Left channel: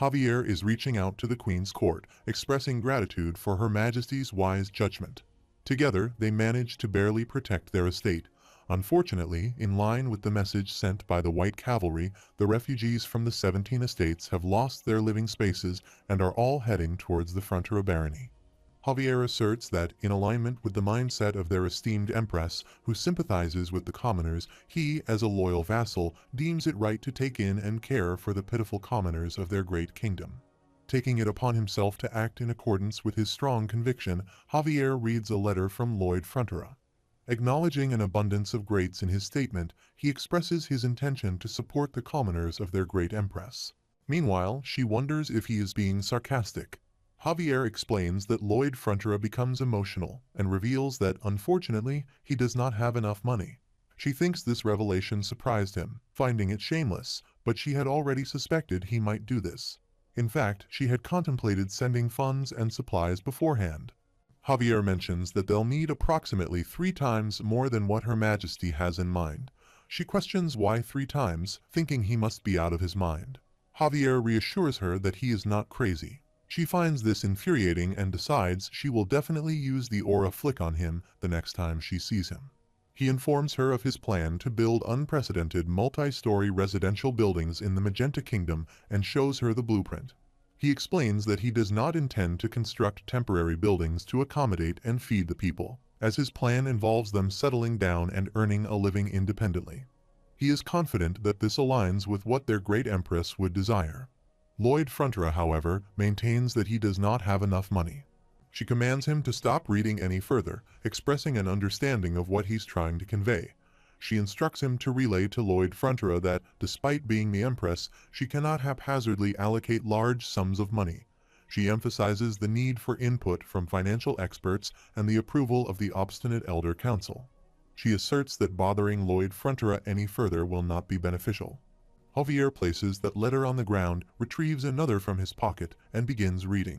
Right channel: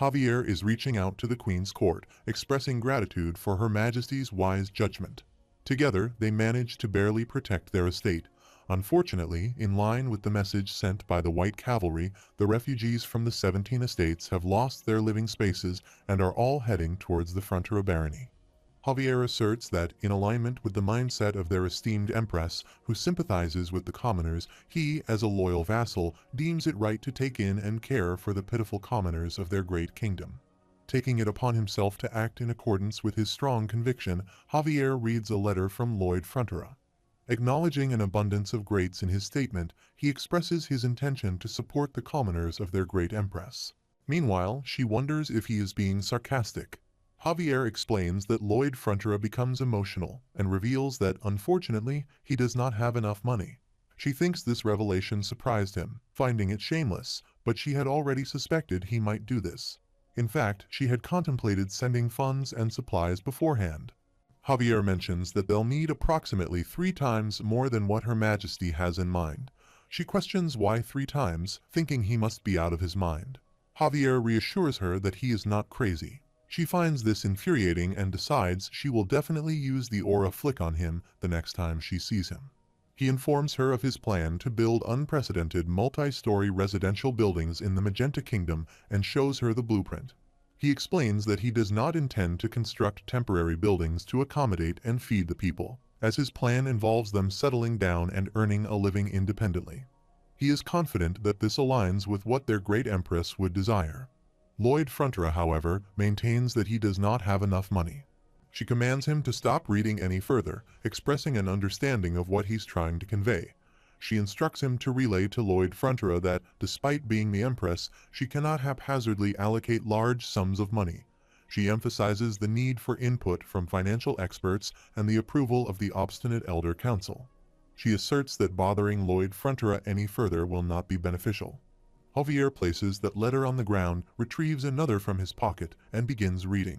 Javier is reaching out to the Queen's court, expressing gratitude for Her Majesty's wise judgment. Together, they manage to barely protect their estate. Unfortunately, in line with the message sent by the White Cavalry, the refugees from the 17 estates have lost their living spaces and are all heading towards the frontier barony. Javier asserts that, in alignment with the mindset of their esteemed empress, who sympathizes with the commoners, he, as a loyal vassal, deems it right to take in and care for the pitiful commoners of their great kingdom. Taking it upon himself to act in accordance with his strong conviction, Javier reads a letter from Lloyd Frontera. Acknowledging an abundance of greats in his statement, he expresses his intention to support the commoners of their great empress. Meanwhile, she wonders if he is being sarcastic. Javier explains that Lloyd Frontera becomes emotional and reveals that, unfortunately, he does not have enough money. She thinks this revelation surprised him, finding it shameless, but she had already suspected he might do this. In fact, she had contemplated sending funds and supplies beforehand. Javier mentions that they'll need approximately 3 times more than what Her Majesty has in mind. She questions why 3 times, thinking he must be out of his mind. Javier reassures her that he is not crazy. She finds this infuriating and decides she will definitely use the aura flick on him the next time she sees him. He informs her of his plan to build unprecedented multi-story residential buildings in the Magenta Kingdom and shows her the blueprint. He explains that he does not intend to construct temporary buildings to accommodate and feed the people, as his plan involves them settling down and earning a living independently. He is confident that this aligns with what their great empress would desire. Lloyd Frontera, however, maintains that he does not have enough money. She commands him to stop reading any further, expressing an understanding of what he's trying to convey. She instructs him to relay to Lloyd Frontera that, despite being the Empress, she cannot haphazardly allocate large sums of money. She emphasizes the need for input from financial experts and the approval of the obstinate Elder Council. She asserts that bothering Lloyd Frontera any further will not be beneficial. Javier places that letter on the ground, retrieves another from his pocket, and begins reading.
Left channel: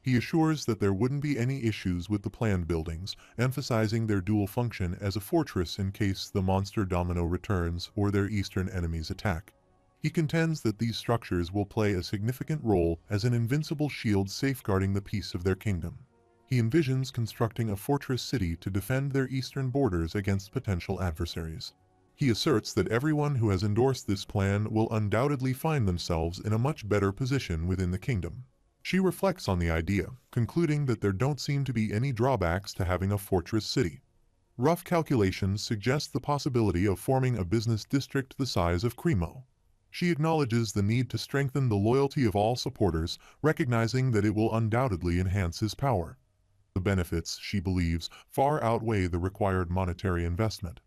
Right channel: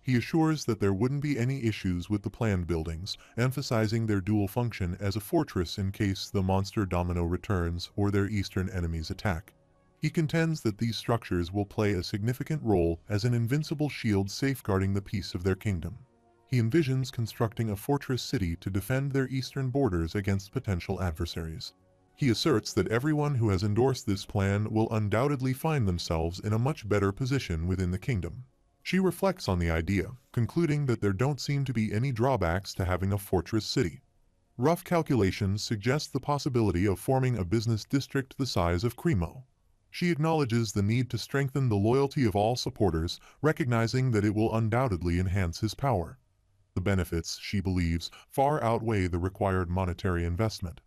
He assures that there wouldn't be any issues with the planned buildings, emphasizing their dual function as a fortress in case the monster domino returns or their eastern enemies attack. He contends that these structures will play a significant role as an invincible shield safeguarding the peace of their kingdom. He envisions constructing a fortress city to defend their eastern borders against potential adversaries. He asserts that everyone who has endorsed this plan will undoubtedly find themselves in a much better position within the kingdom. She reflects on the idea, concluding that there don't seem to be any drawbacks to having a fortress city. Rough calculations suggest the possibility of forming a business district the size of Cremo. She acknowledges the need to strengthen the loyalty of all supporters, recognizing that it will undoubtedly enhance his power. The benefits, she believes, far outweigh the required monetary investment.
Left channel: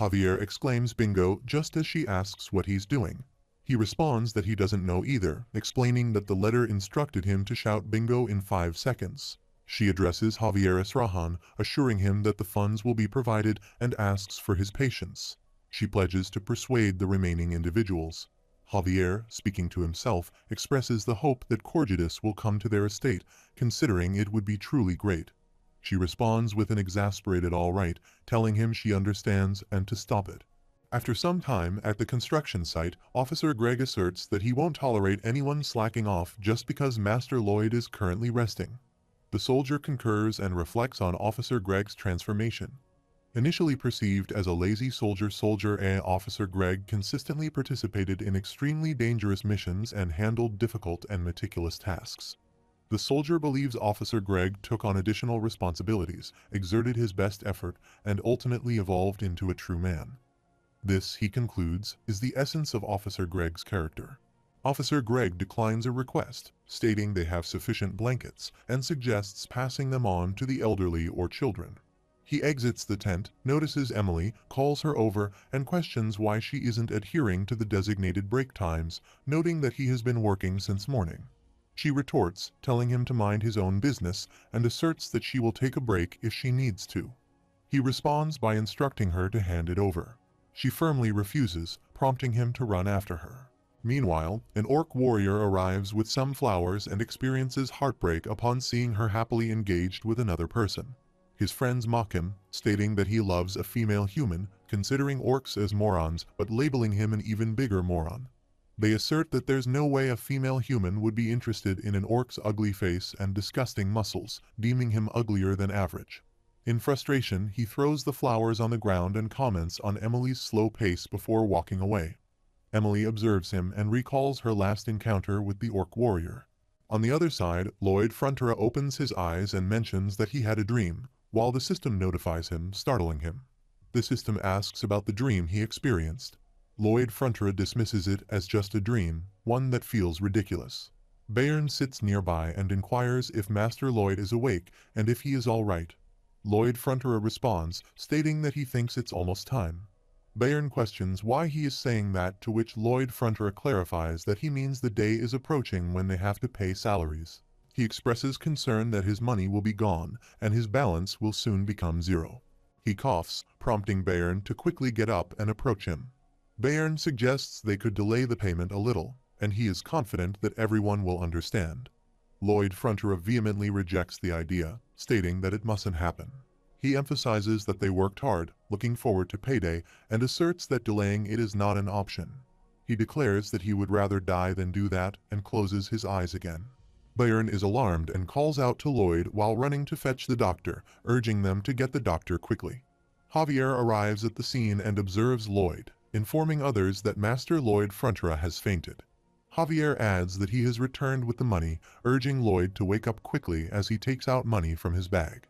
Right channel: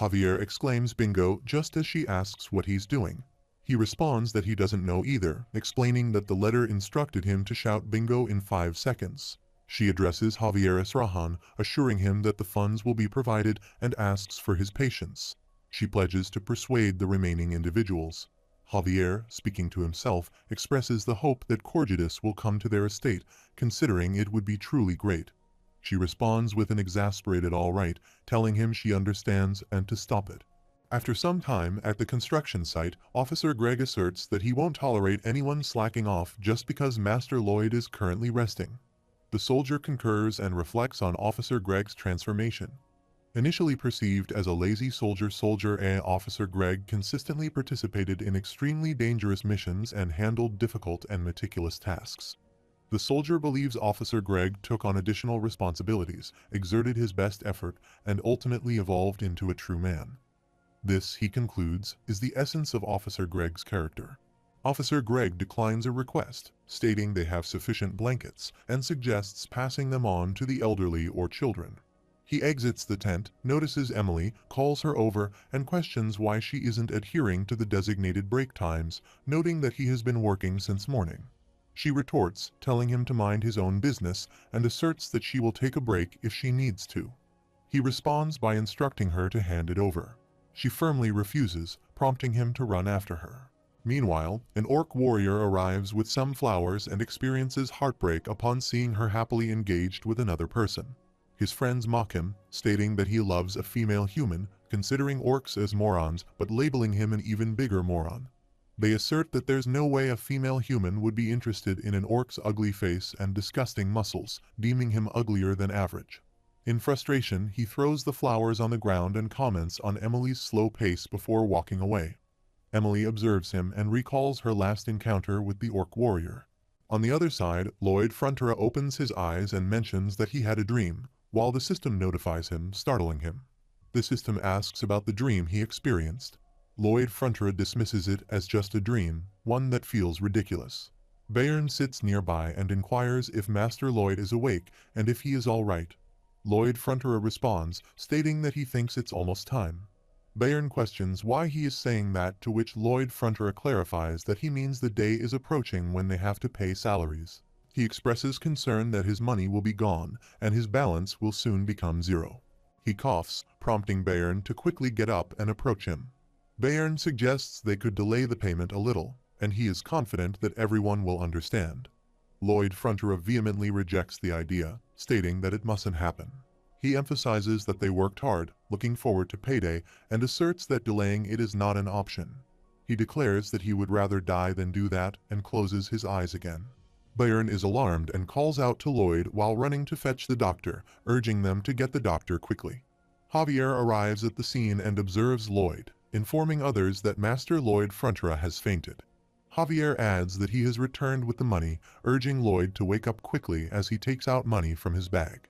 Javier exclaims bingo just as she asks what he's doing. He responds that he doesn't know either, explaining that the letter instructed him to shout bingo in 5 seconds. She addresses Javier Esrahan, assuring him that the funds will be provided and asks for his patience. She pledges to persuade the remaining individuals. Javier, speaking to himself, expresses the hope that Corgidus will come to their estate, considering it would be truly great. She responds with an exasperated all right, telling him she understands and to stop it. After some time at the construction site, Officer Gregg asserts that he won't tolerate anyone slacking off just because Master Lloyd is currently resting. The soldier concurs and reflects on Officer Gregg's transformation. Initially perceived as a lazy soldier, Officer Gregg consistently participated in extremely dangerous missions and handled difficult and meticulous tasks. The soldier believes Officer Gregg took on additional responsibilities, exerted his best effort, and ultimately evolved into a true man. This, he concludes, is the essence of Officer Gregg's character. Officer Gregg declines a request, stating they have sufficient blankets, and suggests passing them on to the elderly or children. He exits the tent, notices Emily, calls her over, and questions why she isn't adhering to the designated break times, noting that he has been working since morning. She retorts, telling him to mind his own business, and asserts that she will take a break if she needs to. He responds by instructing her to hand it over. She firmly refuses, prompting him to run after her. Meanwhile, an orc warrior arrives with some flowers and experiences heartbreak upon seeing her happily engaged with another person. His friends mock him, stating that he loves a female human, considering orcs as morons, but labeling him an even bigger moron. They assert that there's no way a female human would be interested in an orc's ugly face and disgusting muscles, deeming him uglier than average. In frustration, he throws the flowers on the ground and comments on Emily's slow pace before walking away. Emily observes him and recalls her last encounter with the orc warrior. On the other side, Lloyd Frontera opens his eyes and mentions that he had a dream, while the system notifies him, startling him. The system asks about the dream he experienced. Lloyd Frontera dismisses it as just a dream, one that feels ridiculous. Bayern sits nearby and inquires if Master Lloyd is awake and if he is all right. Lloyd Frontera responds, stating that he thinks it's almost time. Bayern questions why he is saying that, to which Lloyd Frontera clarifies that he means the day is approaching when they have to pay salaries. He expresses concern that his money will be gone and his balance will soon become zero. He coughs, prompting Bayern to quickly get up and approach him. Bayern suggests they could delay the payment a little, and he is confident that everyone will understand. Lloyd Frontera vehemently rejects the idea, stating that it mustn't happen. He emphasizes that they worked hard, looking forward to payday, and asserts that delaying it is not an option. He declares that he would rather die than do that and closes his eyes again. Bayern is alarmed and calls out to Lloyd while running to fetch the doctor, urging them to get the doctor quickly. Javier arrives at the scene and observes Lloyd, informing others that Master Lloyd Frontera has fainted. Javier adds that he has returned with the money, urging Lloyd to wake up quickly as he takes out money from his bag.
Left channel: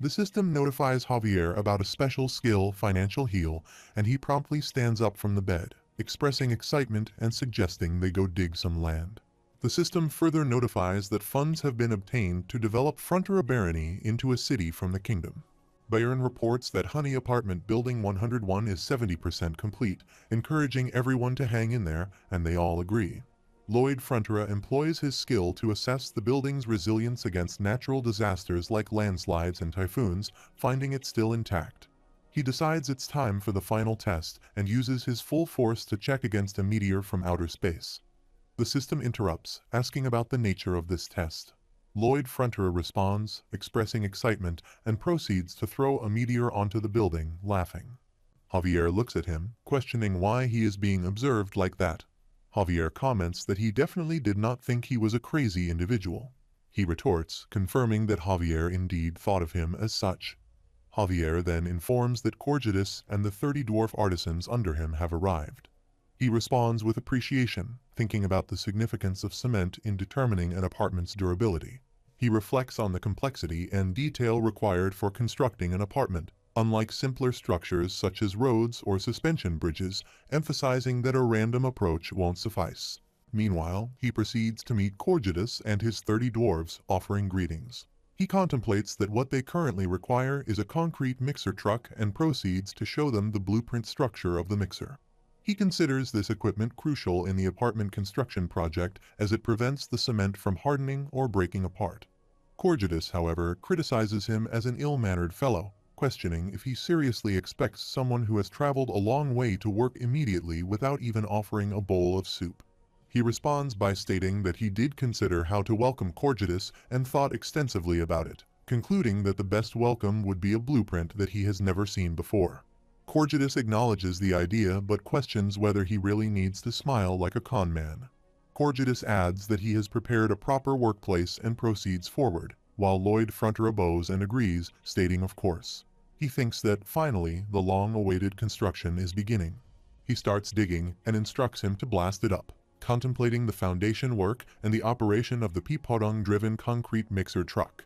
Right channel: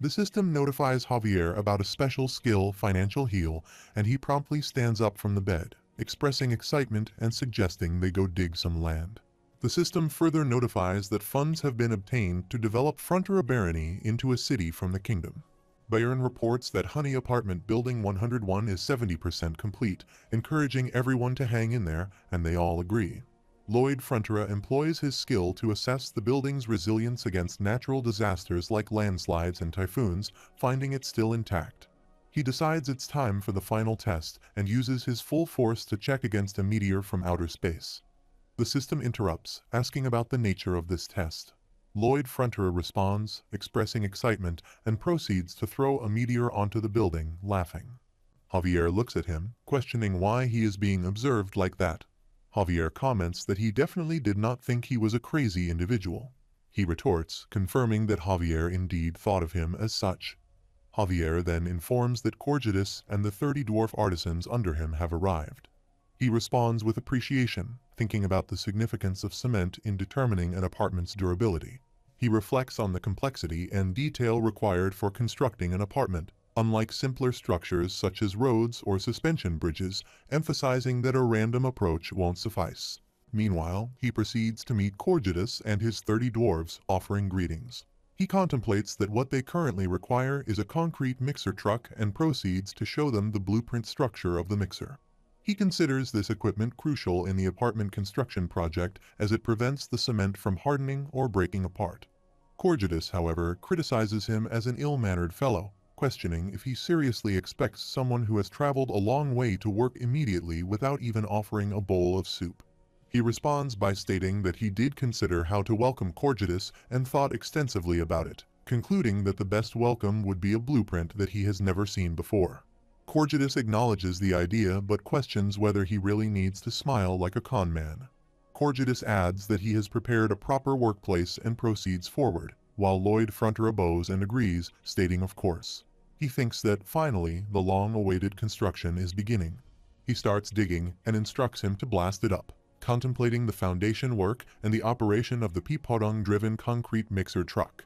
The system notifies Javier about a special skill, Financial Heal, and he promptly stands up from the bed, expressing excitement and suggesting they go dig some land. The system further notifies that funds have been obtained to develop Frontera Barony into a city from the kingdom. Bayern reports that Honey Apartment Building 101 is 70% complete, encouraging everyone to hang in there, and they all agree. Lloyd Frontera employs his skill to assess the building's resilience against natural disasters like landslides and typhoons, finding it still intact. He decides it's time for the final test and uses his full force to check against a meteor from outer space. The system interrupts, asking about the nature of this test. Lloyd Frontera responds, expressing excitement, and proceeds to throw a meteor onto the building, laughing. Javier looks at him, questioning why he is being observed like that. Javier comments that he definitely did not think he was a crazy individual. He retorts, confirming that Javier indeed thought of him as such. Javier then informs that Corgidus and the 30 dwarf artisans under him have arrived. He responds with appreciation, thinking about the significance of cement in determining an apartment's durability. He reflects on the complexity and detail required for constructing an apartment, unlike simpler structures such as roads or suspension bridges, emphasizing that a random approach won't suffice. Meanwhile, he proceeds to meet Corgidus and his 30 dwarves, offering greetings. He contemplates that what they currently require is a concrete mixer truck and proceeds to show them the blueprint structure of the mixer. He considers this equipment crucial in the apartment construction project as it prevents the cement from hardening or breaking apart. Corgidus, however, criticizes him as an ill-mannered fellow, questioning if he seriously expects someone who has traveled a long way to work immediately without even offering a bowl of soup. He responds by stating that he did consider how to welcome Corgidus and thought extensively about it, concluding that the best welcome would be a blueprint that he has never seen before. Corgidus acknowledges the idea but questions whether he really needs to smile like a con man. Corgidus adds that he has prepared a proper workplace and proceeds forward, while Lloyd Frontera bows and agrees, stating of course. He thinks that, finally, the long-awaited construction is beginning. He starts digging and instructs him to blast it up, contemplating the foundation work and the operation of the Pipodong-driven concrete mixer truck.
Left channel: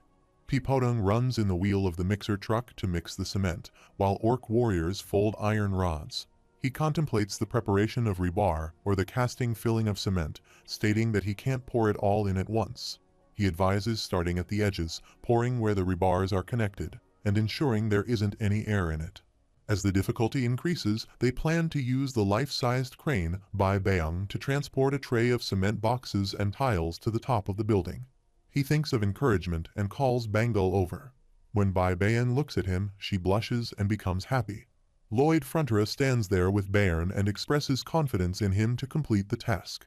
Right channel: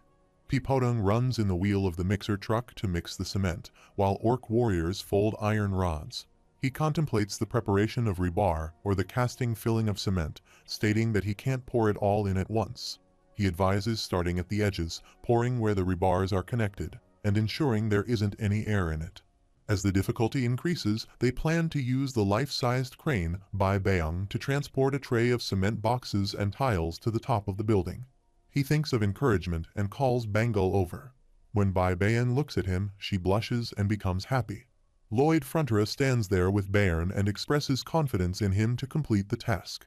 Pipodong runs in the wheel of the mixer truck to mix the cement, while orc warriors fold iron rods. He contemplates the preparation of rebar, or the casting filling of cement, stating that he can't pour it all in at once. He advises starting at the edges, pouring where the rebars are connected, and ensuring there isn't any air in it. As the difficulty increases, they plan to use the life-sized crane by Bayam to transport a tray of cement boxes and tiles to the top of the building. He thinks of encouragement and calls Bangle over. When Bai Bayan looks at him, she blushes and becomes happy. Lloyd Frontera stands there with Bayern and expresses confidence in him to complete the task.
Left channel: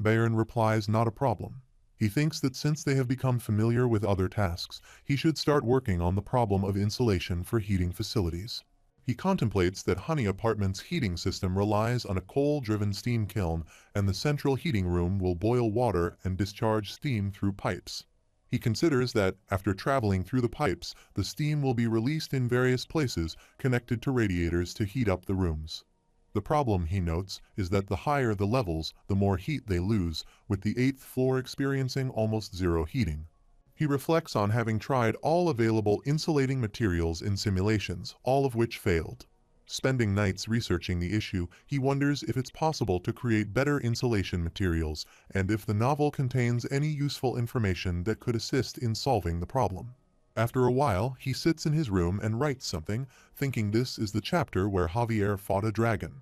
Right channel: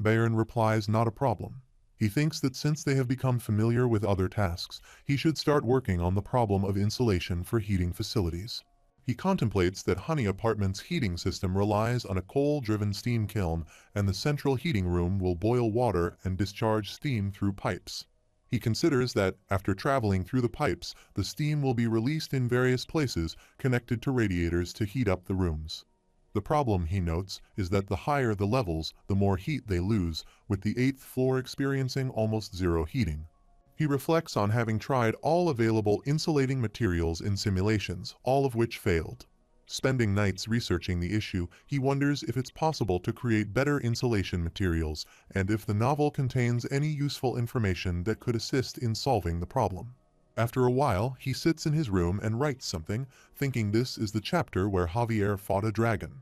Bayern replies not a problem. He thinks that since they have become familiar with other tasks, he should start working on the problem of insulation for heating facilities. He contemplates that Honey Apartment's heating system relies on a coal-driven steam kiln, and the central heating room will boil water and discharge steam through pipes. He considers that, after traveling through the pipes, the steam will be released in various places, connected to radiators to heat up the rooms. The problem, he notes, is that the higher the levels, the more heat they lose, with the 8th floor experiencing almost zero heating. He reflects on having tried all available insulating materials in simulations, all of which failed. Spending nights researching the issue, he wonders if it's possible to create better insulation materials, and if the novel contains any useful information that could assist in solving the problem. After a while, he sits in his room and writes something, thinking this is the chapter where Javier fought a dragon.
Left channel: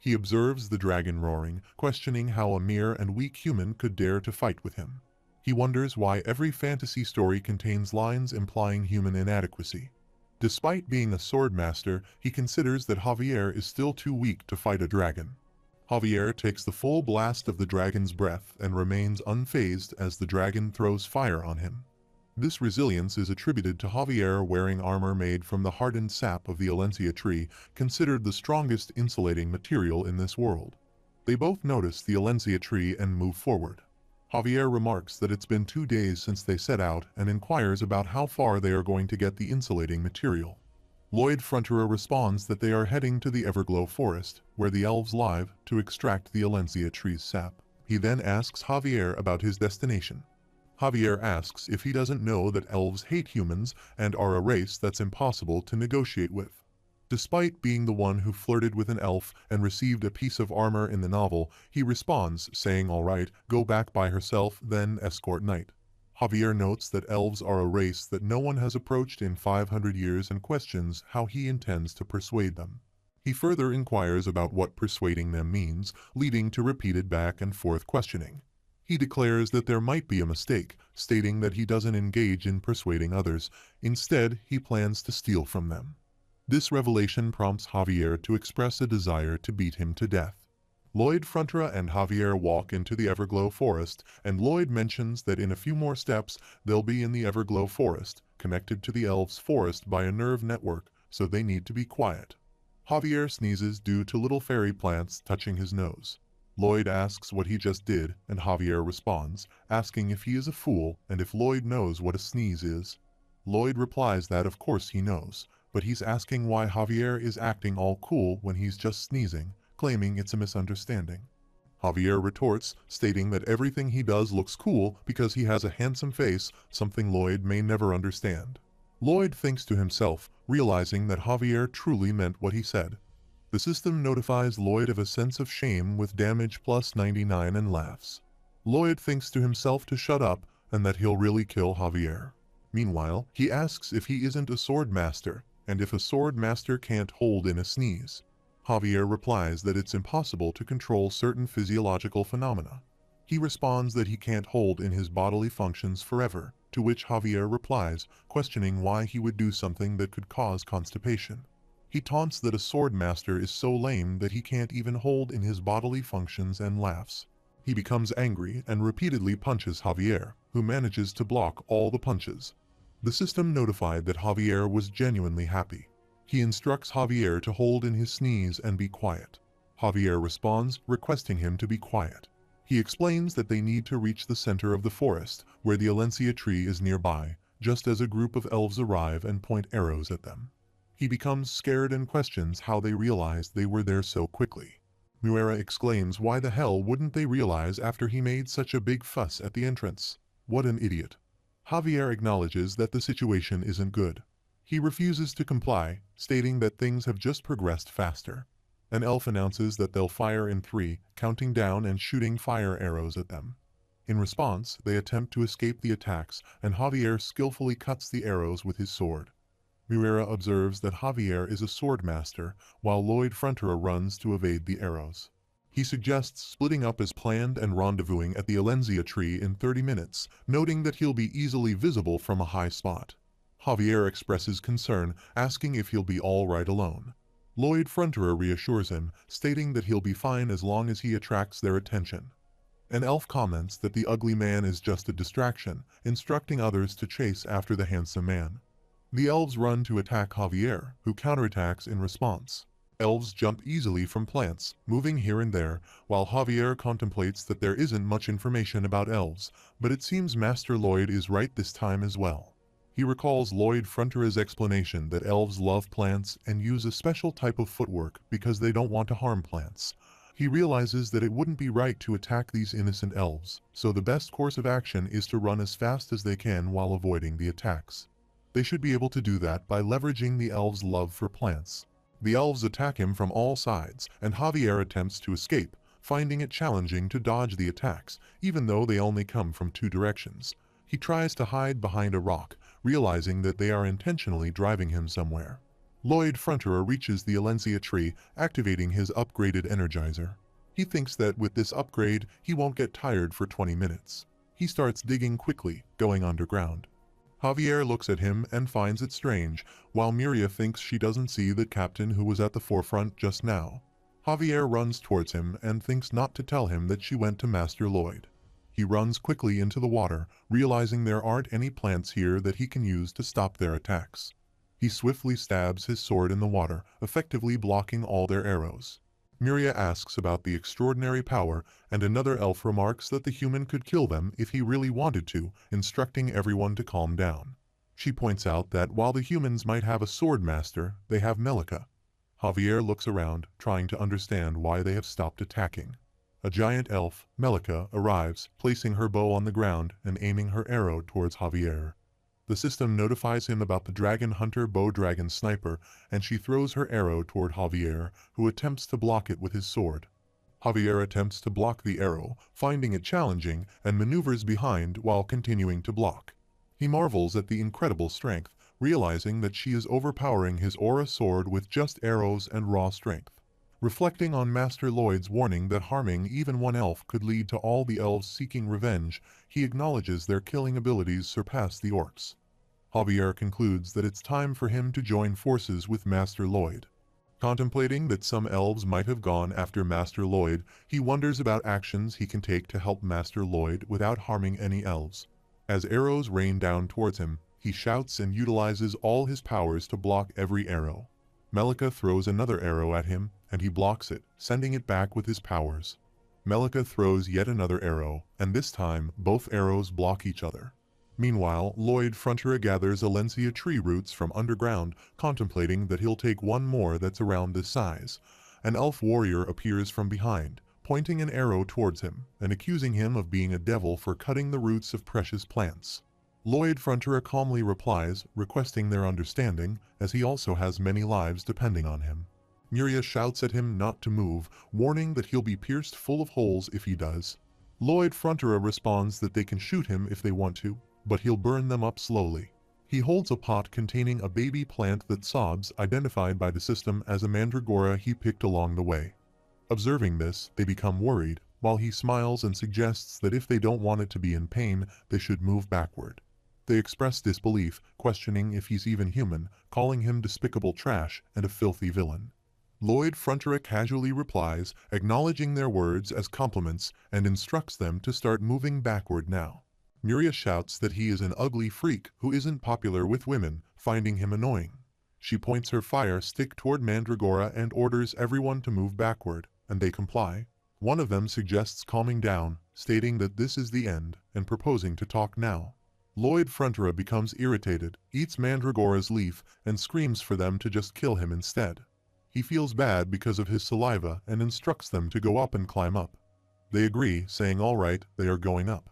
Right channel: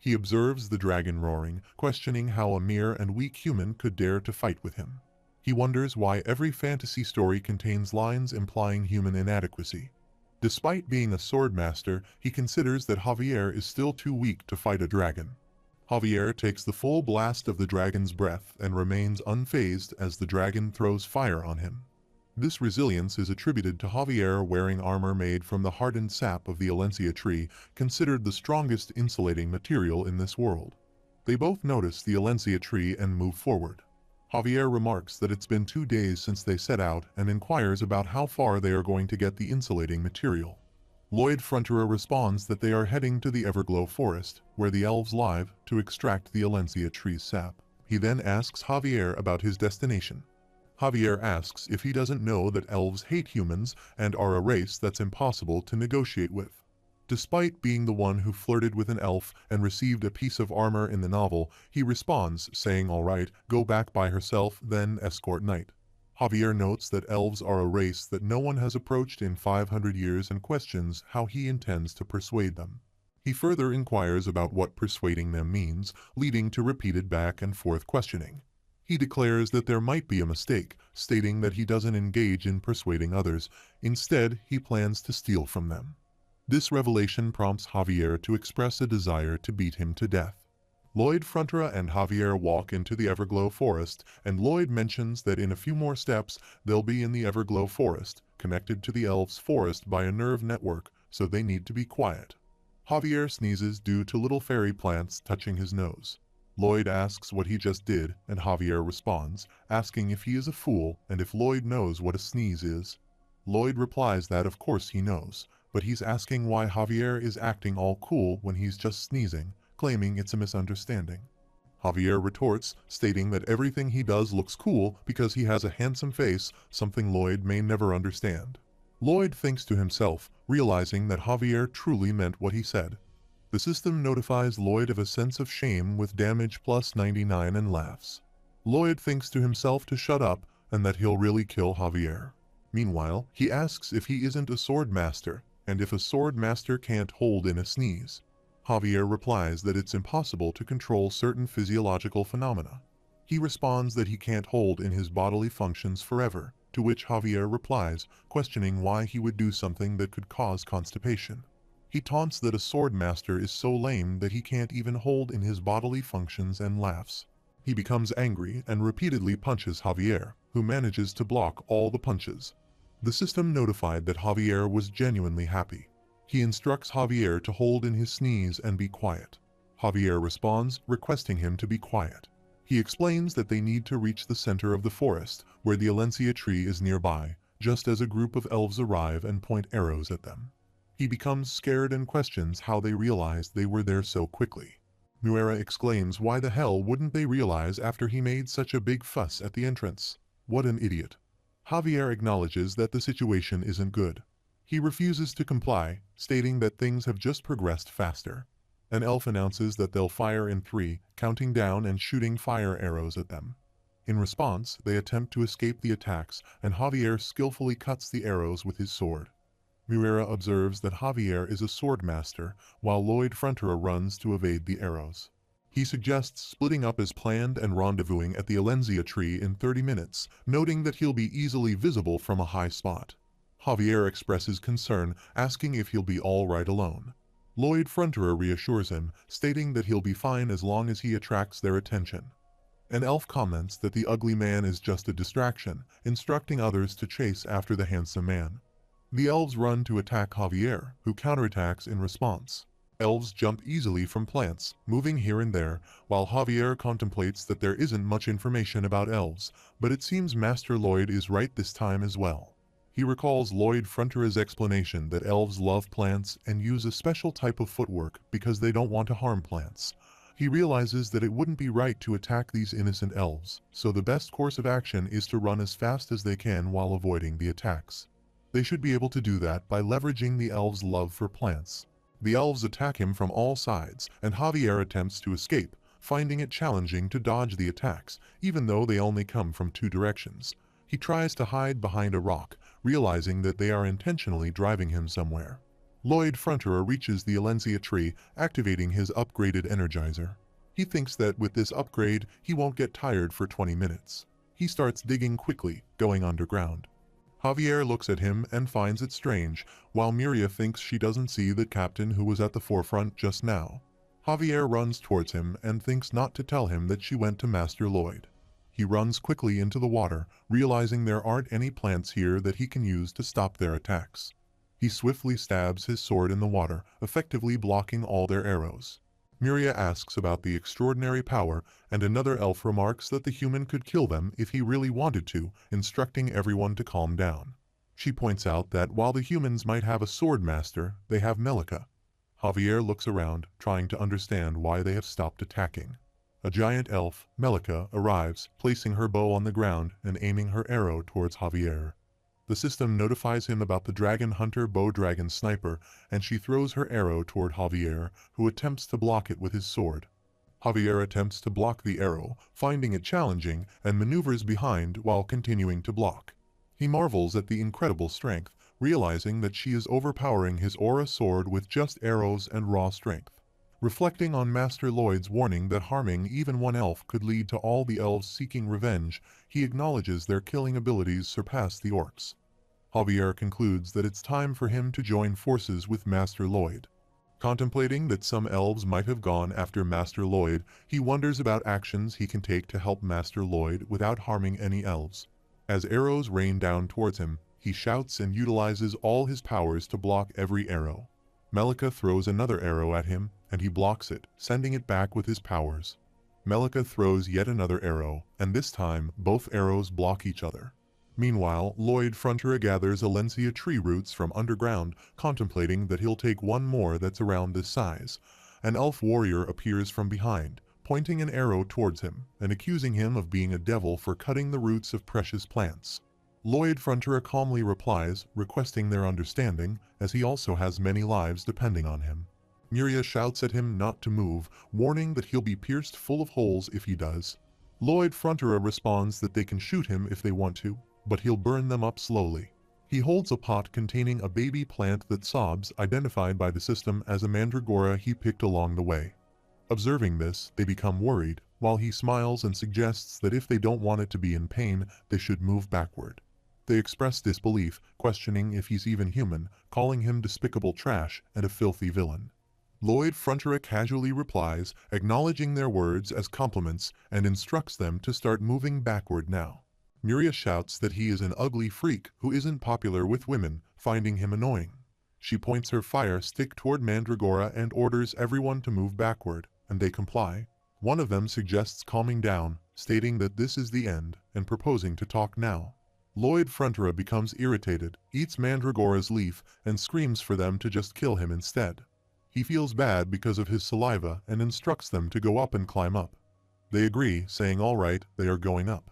He observes the dragon roaring, questioning how a mere and weak human could dare to fight with him. He wonders why every fantasy story contains lines implying human inadequacy. Despite being a sword master, he considers that Javier is still too weak to fight a dragon. Javier takes the full blast of the dragon's breath and remains unfazed as the dragon throws fire on him. This resilience is attributed to Javier wearing armor made from the hardened sap of the Eleceed tree, considered the strongest insulating material in this world. They both notice the Eleceed tree and move forward. Javier remarks that it's been 2 days since they set out and inquires about how far they are going to get the insulating material. Lloyd Fronterer responds that they are heading to the Everglow Forest, where the elves live, to extract the Eleceed tree's sap. He then asks Javier about his destination. Javier asks if he doesn't know that elves hate humans and are a race that's impossible to negotiate with. Despite being the one who flirted with an elf and received a piece of armor in the novel, he responds, saying all right, go back by herself, then escort Knight. Javier notes that elves are a race that no one has approached in 500 years and questions how he intends to persuade them. He further inquires about what persuading them means, leading to repeated back and forth questioning. He declares that there might be a mistake, stating that he doesn't engage in persuading others. Instead, he plans to steal from them. This revelation prompts Javier to express a desire to beat him to death. Lloyd Fronterer and Javier walk into the Everglow Forest, and Lloyd mentions that in a few more steps they'll be in the Everglow Forest, connected to the elves' forest by a nerve network, so they need to be quiet. Javier sneezes due to little fairy plants touching his nose. Lloyd asks what he just did, and Javier responds, asking if he is a fool and if Lloyd knows what a sneeze is. Lloyd replies that of course he knows, but he's asking why Javier is acting all cool when he's just sneezing, claiming it's a misunderstanding. Javier retorts, stating that everything he does looks cool because he has a handsome face, something Lloyd may never understand. Lloyd thinks to himself, realizing that Javier truly meant what he said. The system notifies Lloyd of a sense of shame with damage plus 99 and laughs. Lloyd thinks to himself to shut up and that he'll really kill Javier. Meanwhile, he asks if he isn't a sword master, and if a sword master can't hold in a sneeze. Javier replies that it's impossible to control certain physiological phenomena. He responds that he can't hold in his bodily functions forever, to which Javier replies, questioning why he would do something that could cause constipation. He taunts that a sword master is so lame that he can't even hold in his bodily functions and laughs. He becomes angry and repeatedly punches Javier, who manages to block all the punches. The system notified that Javier was genuinely happy. He instructs Javier to hold in his sneeze and be quiet. Javier responds, requesting him to be quiet. He explains that they need to reach the center of the forest, where the Eleceed tree is nearby, just as a group of elves arrive and point arrows at them. He becomes scared and questions how they realized they were there so quickly. Nuera exclaims why the hell wouldn't they realize after he made such a big fuss at the entrance. What an idiot. Javier acknowledges that the situation isn't good. He refuses to comply, stating that things have just progressed faster. An elf announces that they'll fire in 3, counting down and shooting fire arrows at them. In response, they attempt to escape the attacks, and Javier skillfully cuts the arrows with his sword. Nuera observes that Javier is a sword master, while Lloyd Fronterer runs to evade the arrows. He suggests splitting up as planned and rendezvousing at the Eleceed tree in 30 minutes, noting that he'll be easily visible from a high spot. Javier expresses concern, asking if he'll be all right alone. Lloyd Fronterer reassures him, stating that he'll be fine as long as he attracts their attention. An elf comments that the ugly man is just a distraction, instructing others to chase after the handsome man. The elves run to attack Javier, who counterattacks in response. Elves jump easily from plants, moving here and there, while Javier contemplates that there isn't much information about elves, but it seems Master Lloyd is right this time as well. He recalls Lloyd Frontera's explanation that elves love plants and use a special type of footwork because they don't want to harm plants. He realizes that it wouldn't be right to attack these innocent elves, so the best course of action is to run as fast as they can while avoiding the attacks. They should be able to do that by leveraging the elves' love for plants. The elves attack him from all sides, and Javier attempts to escape, finding it challenging to dodge the attacks, even though they only come from two directions. He tries to hide behind a rock, realizing that they are intentionally driving him somewhere. Lloyd Frontera reaches the Eleceed tree, activating his upgraded energizer. He thinks that with this upgrade, he won't get tired for 20 minutes. He starts digging quickly, going underground. Javier looks at him and finds it strange, while Miria thinks she doesn't see the captain who was at the forefront just now. Javier runs towards him and thinks not to tell him that she went to Master Lloyd. He runs quickly into the water, realizing there aren't any plants here that he can use to stop their attacks. He swiftly stabs his sword in the water, effectively blocking all their arrows. Miria asks about the extraordinary power, and another elf remarks that the human could kill them if he really wanted to, instructing everyone to calm down. She points out that while the humans might have a sword master, they have Melika. Javier looks around, trying to understand why they have stopped attacking. A giant elf, Melika, arrives, placing her bow on the ground and aiming her arrow towards Javier. The system notifies him about the dragon hunter bow dragon sniper, and she throws her arrow toward Javier, who attempts to block it with his sword. Javier attempts to block the arrow, finding it challenging, and maneuvers behind while continuing to block. He marvels at the incredible strength, realizing that she is overpowering his aura sword with just arrows and raw strength. Reflecting on Master Lloyd's warning that harming even one elf could lead to all the elves seeking revenge, he acknowledges their killing abilities surpass the orcs. Javier concludes that it's time for him to join forces with Master Lloyd. Contemplating that some elves might have gone after Master Lloyd, he wonders about actions he can take to help Master Lloyd without harming any elves. As arrows rain down towards him, he shouts and utilizes all his powers to block every arrow. Melika throws another arrow at him, and he blocks it, sending it back with his powers. Melika throws yet another arrow, and this time both arrows block each other. Meanwhile, Lloyd Frontera gathers Eleceed tree roots from underground, contemplating that he'll take one more that's around this size. An elf warrior appears from behind, pointing an arrow towards him, and accusing him of being a devil for cutting the roots of precious plants. Lloyd Frontera calmly replies, requesting their understanding, as he also has many lives depending on him. Miria shouts at him not to move, warning that he'll be pierced full of holes if he does. Lloyd Frontera responds that they can shoot him if they want to, but he'll burn them up slowly. He holds a pot containing a baby plant that sobs, identified by the system as a mandragora he picked along the way. Observing this, they become worried, while he smiles and suggests that if they don't want it to be in pain, they should move backward. They express disbelief, questioning if he's even human, calling him despicable trash and a filthy villain. Lloyd Frontera casually replies, acknowledging their words as compliments, and instructs them to start moving backward now. Miria shouts that he is an ugly freak who isn't popular with women, finding him annoying. She points her fire stick toward Mandragora and orders everyone to move backward, and they comply. One of them suggests calming down, stating that this is the end, and proposing to talk now. Lloyd Frontera becomes irritated, eats Mandragora's leaf, and screams for them to just kill him instead. He feels bad because of his saliva and instructs them to go up and climb up. They agree, saying all right, they are going up.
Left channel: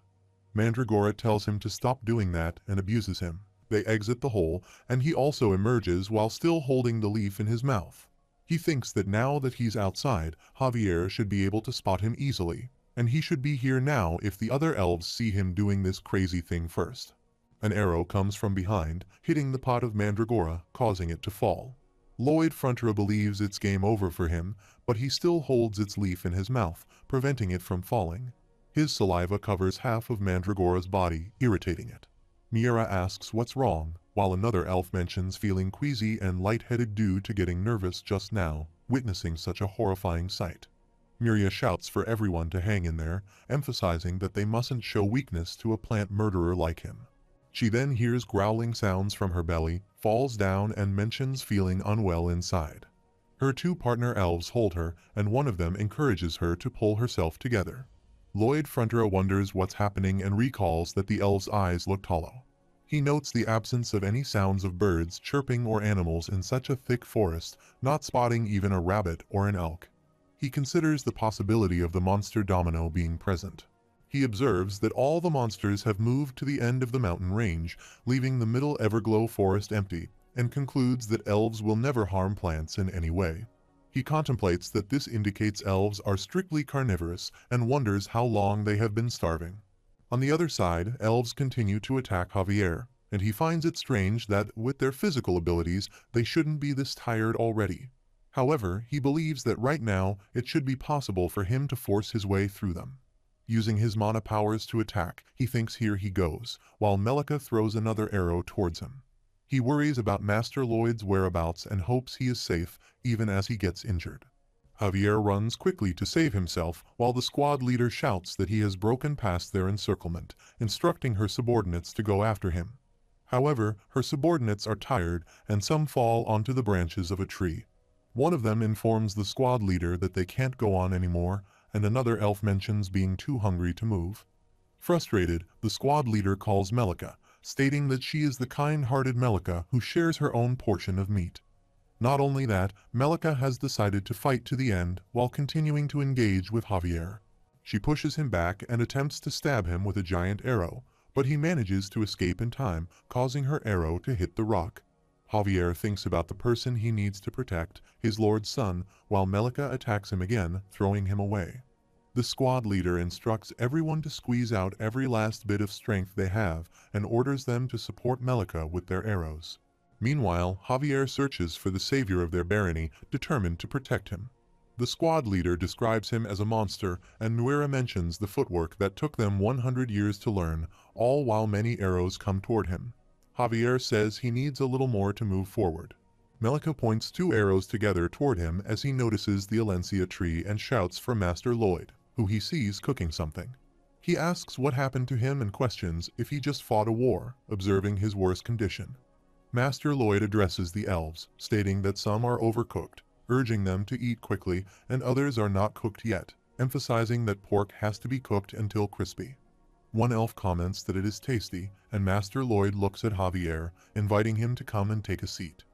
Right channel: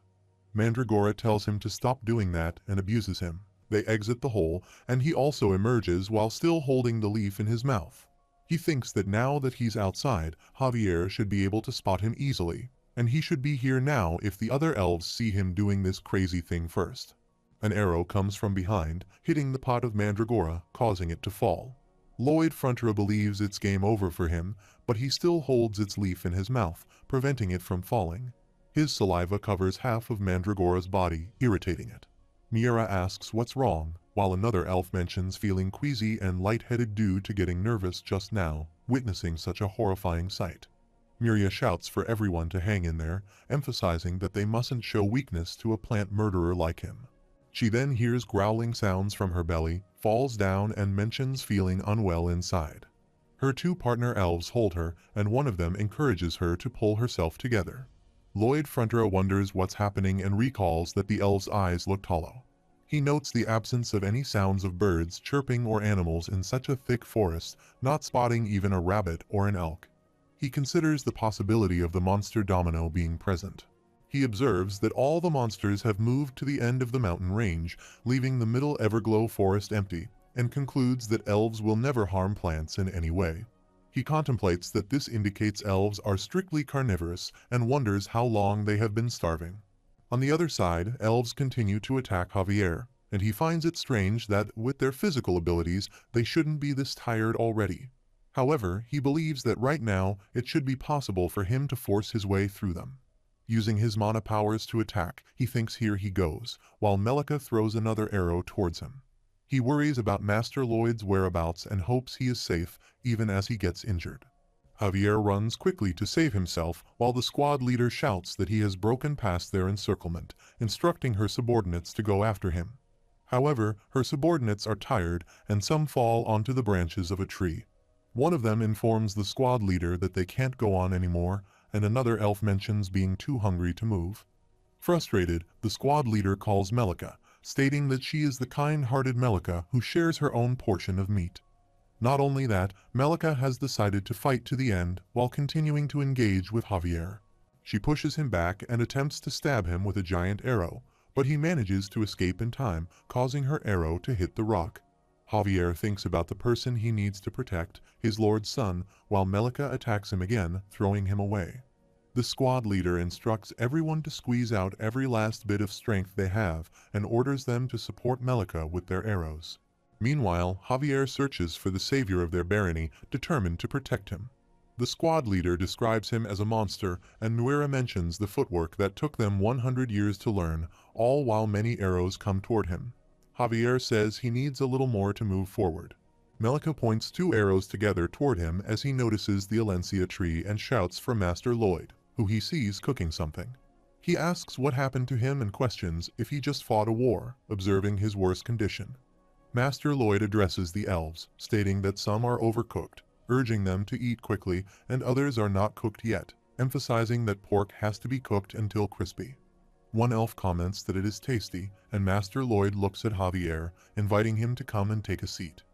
Mandragora tells him to stop doing that and abuses him. They exit the hole, and he also emerges while still holding the leaf in his mouth. He thinks that now that he's outside, Javier should be able to spot him easily, and he should be here now if the other elves see him doing this crazy thing first. An arrow comes from behind, hitting the pot of Mandragora, causing it to fall. Lloyd Frontera believes it's game over for him, but he still holds its leaf in his mouth, preventing it from falling. His saliva covers half of Mandragora's body, irritating it. Miria asks what's wrong, while another elf mentions feeling queasy and lightheaded due to getting nervous just now, witnessing such a horrifying sight. Miria shouts for everyone to hang in there, emphasizing that they mustn't show weakness to a plant murderer like him. She then hears growling sounds from her belly, falls down and mentions feeling unwell inside. Her two partner elves hold her, and one of them encourages her to pull herself together. Lloyd Frontier wonders what's happening and recalls that the elf's eyes looked hollow. He notes the absence of any sounds of birds chirping or animals in such a thick forest, not spotting even a rabbit or an elk. He considers the possibility of the monster domino being present. He observes that all the monsters have moved to the end of the mountain range, leaving the middle Everglow forest empty, and concludes that elves will never harm plants in any way. He contemplates that this indicates elves are strictly carnivorous and wonders how long they have been starving. On the other side, elves continue to attack Javier, and he finds it strange that, with their physical abilities, they shouldn't be this tired already. However, he believes that right now it should be possible for him to force his way through them. Using his mana powers to attack, he thinks here he goes, while Melika throws another arrow towards him. He worries about Master Lloyd's whereabouts and hopes he is safe even as he gets injured. Javier runs quickly to save himself while the squad leader shouts that he has broken past their encirclement, instructing her subordinates to go after him. However, her subordinates are tired and some fall onto the branches of a tree. One of them informs the squad leader that they can't go on anymore, and another elf mentions being too hungry to move. Frustrated, the squad leader calls Melika, stating that she is the kind-hearted Melika who shares her own portion of meat. Not only that, Melika has decided to fight to the end while continuing to engage with Javier. She pushes him back and attempts to stab him with a giant arrow, but he manages to escape in time, causing her arrow to hit the rock. Javier thinks about the person he needs to protect, his lord's son, while Melika attacks him again, throwing him away. The squad leader instructs everyone to squeeze out every last bit of strength they have and orders them to support Melika with their arrows. Meanwhile, Javier searches for the savior of their barony, determined to protect him. The squad leader describes him as a monster, and Nuera mentions the footwork that took them 100 years to learn, all while many arrows come toward him. Javier says he needs a little more to move forward. Melika points two arrows together toward him as he notices the Alencia tree and shouts for Master Lloyd, who he sees cooking something. He asks what happened to him and questions if he just fought a war, observing his worst condition. Master Lloyd addresses the elves, stating that some are overcooked, urging them to eat quickly, and others are not cooked yet, emphasizing that pork has to be cooked until crispy. One elf comments that it is tasty, and Master Lloyd looks at Javier, inviting him to come and take a seat.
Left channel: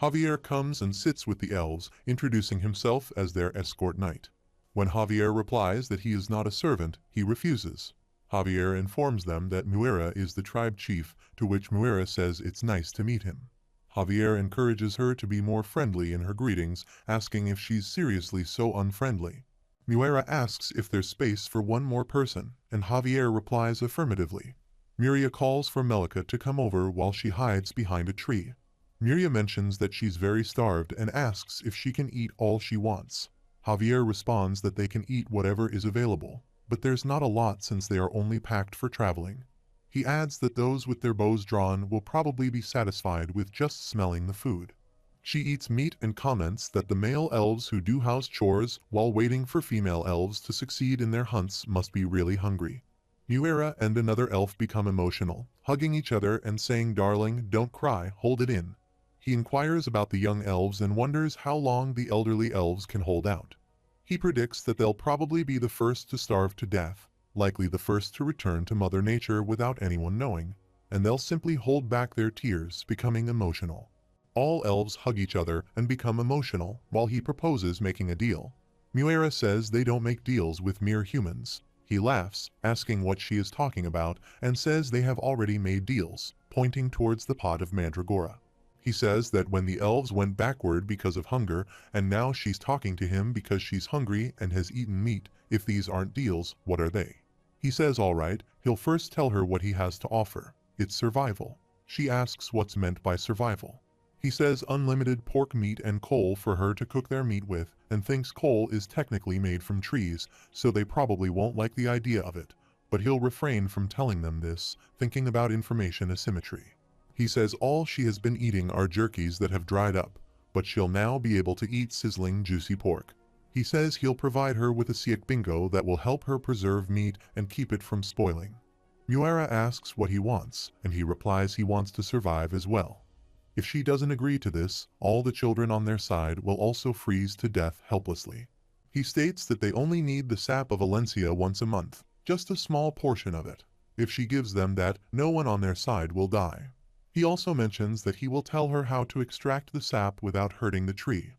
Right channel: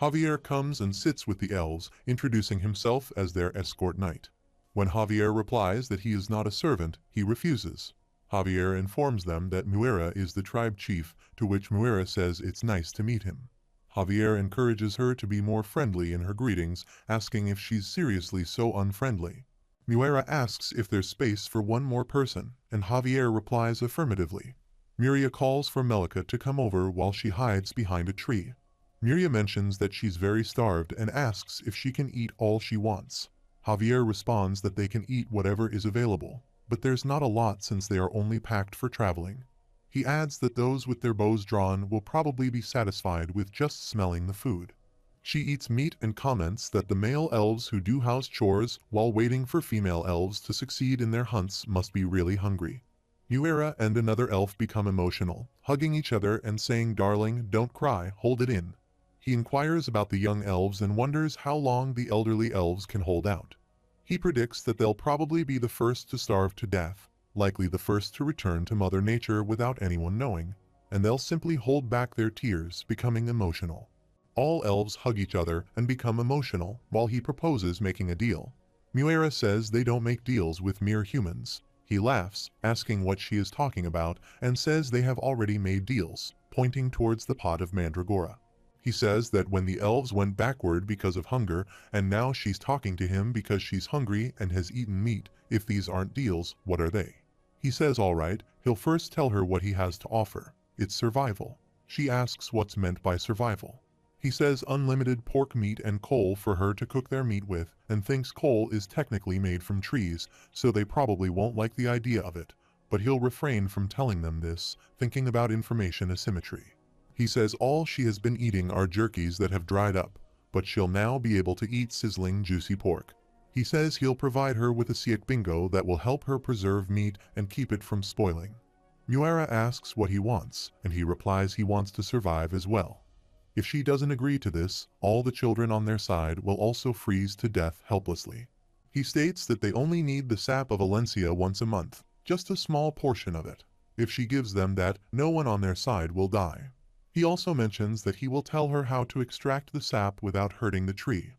Javier comes and sits with the elves, introducing himself as their escort knight. When Javier replies that he is not a servant, he refuses. Javier informs them that Nuera is the tribe chief, to which Nuera says it's nice to meet him. Javier encourages her to be more friendly in her greetings, asking if she's seriously so unfriendly. Nuera asks if there's space for one more person, and Javier replies affirmatively. Miria calls for Melika to come over while she hides behind a tree. Miria mentions that she's very starved and asks if she can eat all she wants. Javier responds that they can eat whatever is available, but there's not a lot since they are only packed for traveling. He adds that those with their bows drawn will probably be satisfied with just smelling the food. She eats meat and comments that the male elves who do house chores while waiting for female elves to succeed in their hunts must be really hungry. Nuera and another elf become emotional, hugging each other and saying, "Darling, don't cry, hold it in." He inquires about the young elves and wonders how long the elderly elves can hold out. He predicts that they'll probably be the first to starve to death, likely the first to return to Mother Nature without anyone knowing, and they'll simply hold back their tears, becoming emotional. All elves hug each other and become emotional while he proposes making a deal. Nuera says they don't make deals with mere humans. He laughs, asking what she is talking about, and says they have already made deals, pointing towards the pot of mandragora. He says that when the elves went backward because of hunger, and now she's talking to him because she's hungry and has eaten meat, if these aren't deals, what are they? He says all right, he'll first tell her what he has to offer. It's survival. She asks what's meant by survival. He says unlimited pork meat and coal for her to cook their meat with, and thinks coal is technically made from trees, so they probably won't like the idea of it, but he'll refrain from telling them this, thinking about information asymmetry. He says all she has been eating are jerkies that have dried up, but she'll now be able to eat sizzling juicy pork. He says he'll provide her with a siak bingo that will help her preserve meat and keep it from spoiling. Muera asks what he wants, and he replies he wants to survive as well. If she doesn't agree to this, all the children on their side will also freeze to death helplessly. He states that they only need the sap of Alencia once a month, just a small portion of it. If she gives them that, no one on their side will die. He also mentions that he will tell her how to extract the sap without hurting the tree.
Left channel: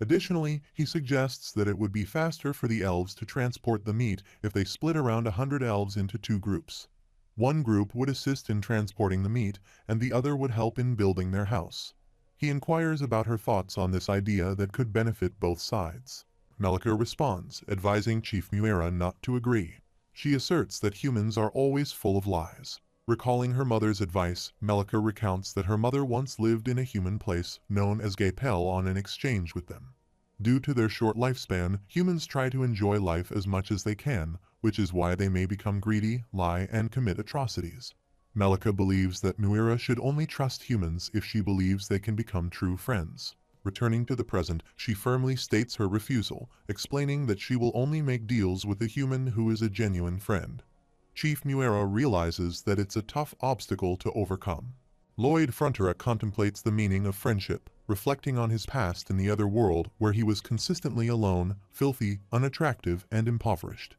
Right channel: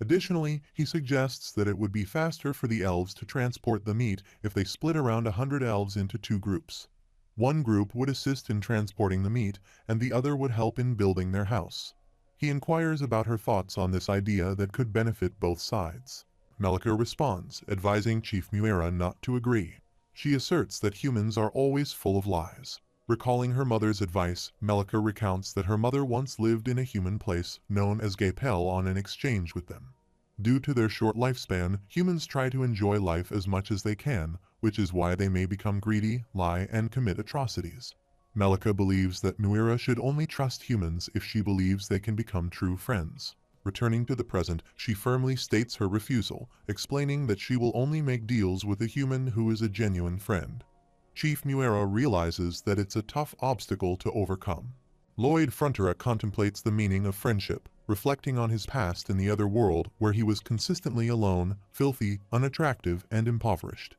Additionally, he suggests that it would be faster for the elves to transport the meat if they split around 100 elves into 2 groups. One group would assist in transporting the meat, and the other would help in building their house. He inquires about her thoughts on this idea that could benefit both sides. Melika responds, advising Chief Muera not to agree. She asserts that humans are always full of lies. Recalling her mother's advice, Melika recounts that her mother once lived in a human place known as Gapel on an exchange with them. Due to their short lifespan, humans try to enjoy life as much as they can, which is why they may become greedy, lie, and commit atrocities. Melika believes that Muera should only trust humans if she believes they can become true friends. Returning to the present, she firmly states her refusal, explaining that she will only make deals with a human who is a genuine friend. Chief Muera realizes that it's a tough obstacle to overcome. Lloyd Frontera contemplates the meaning of friendship, reflecting on his past in the other world where he was consistently alone, filthy, unattractive, and impoverished.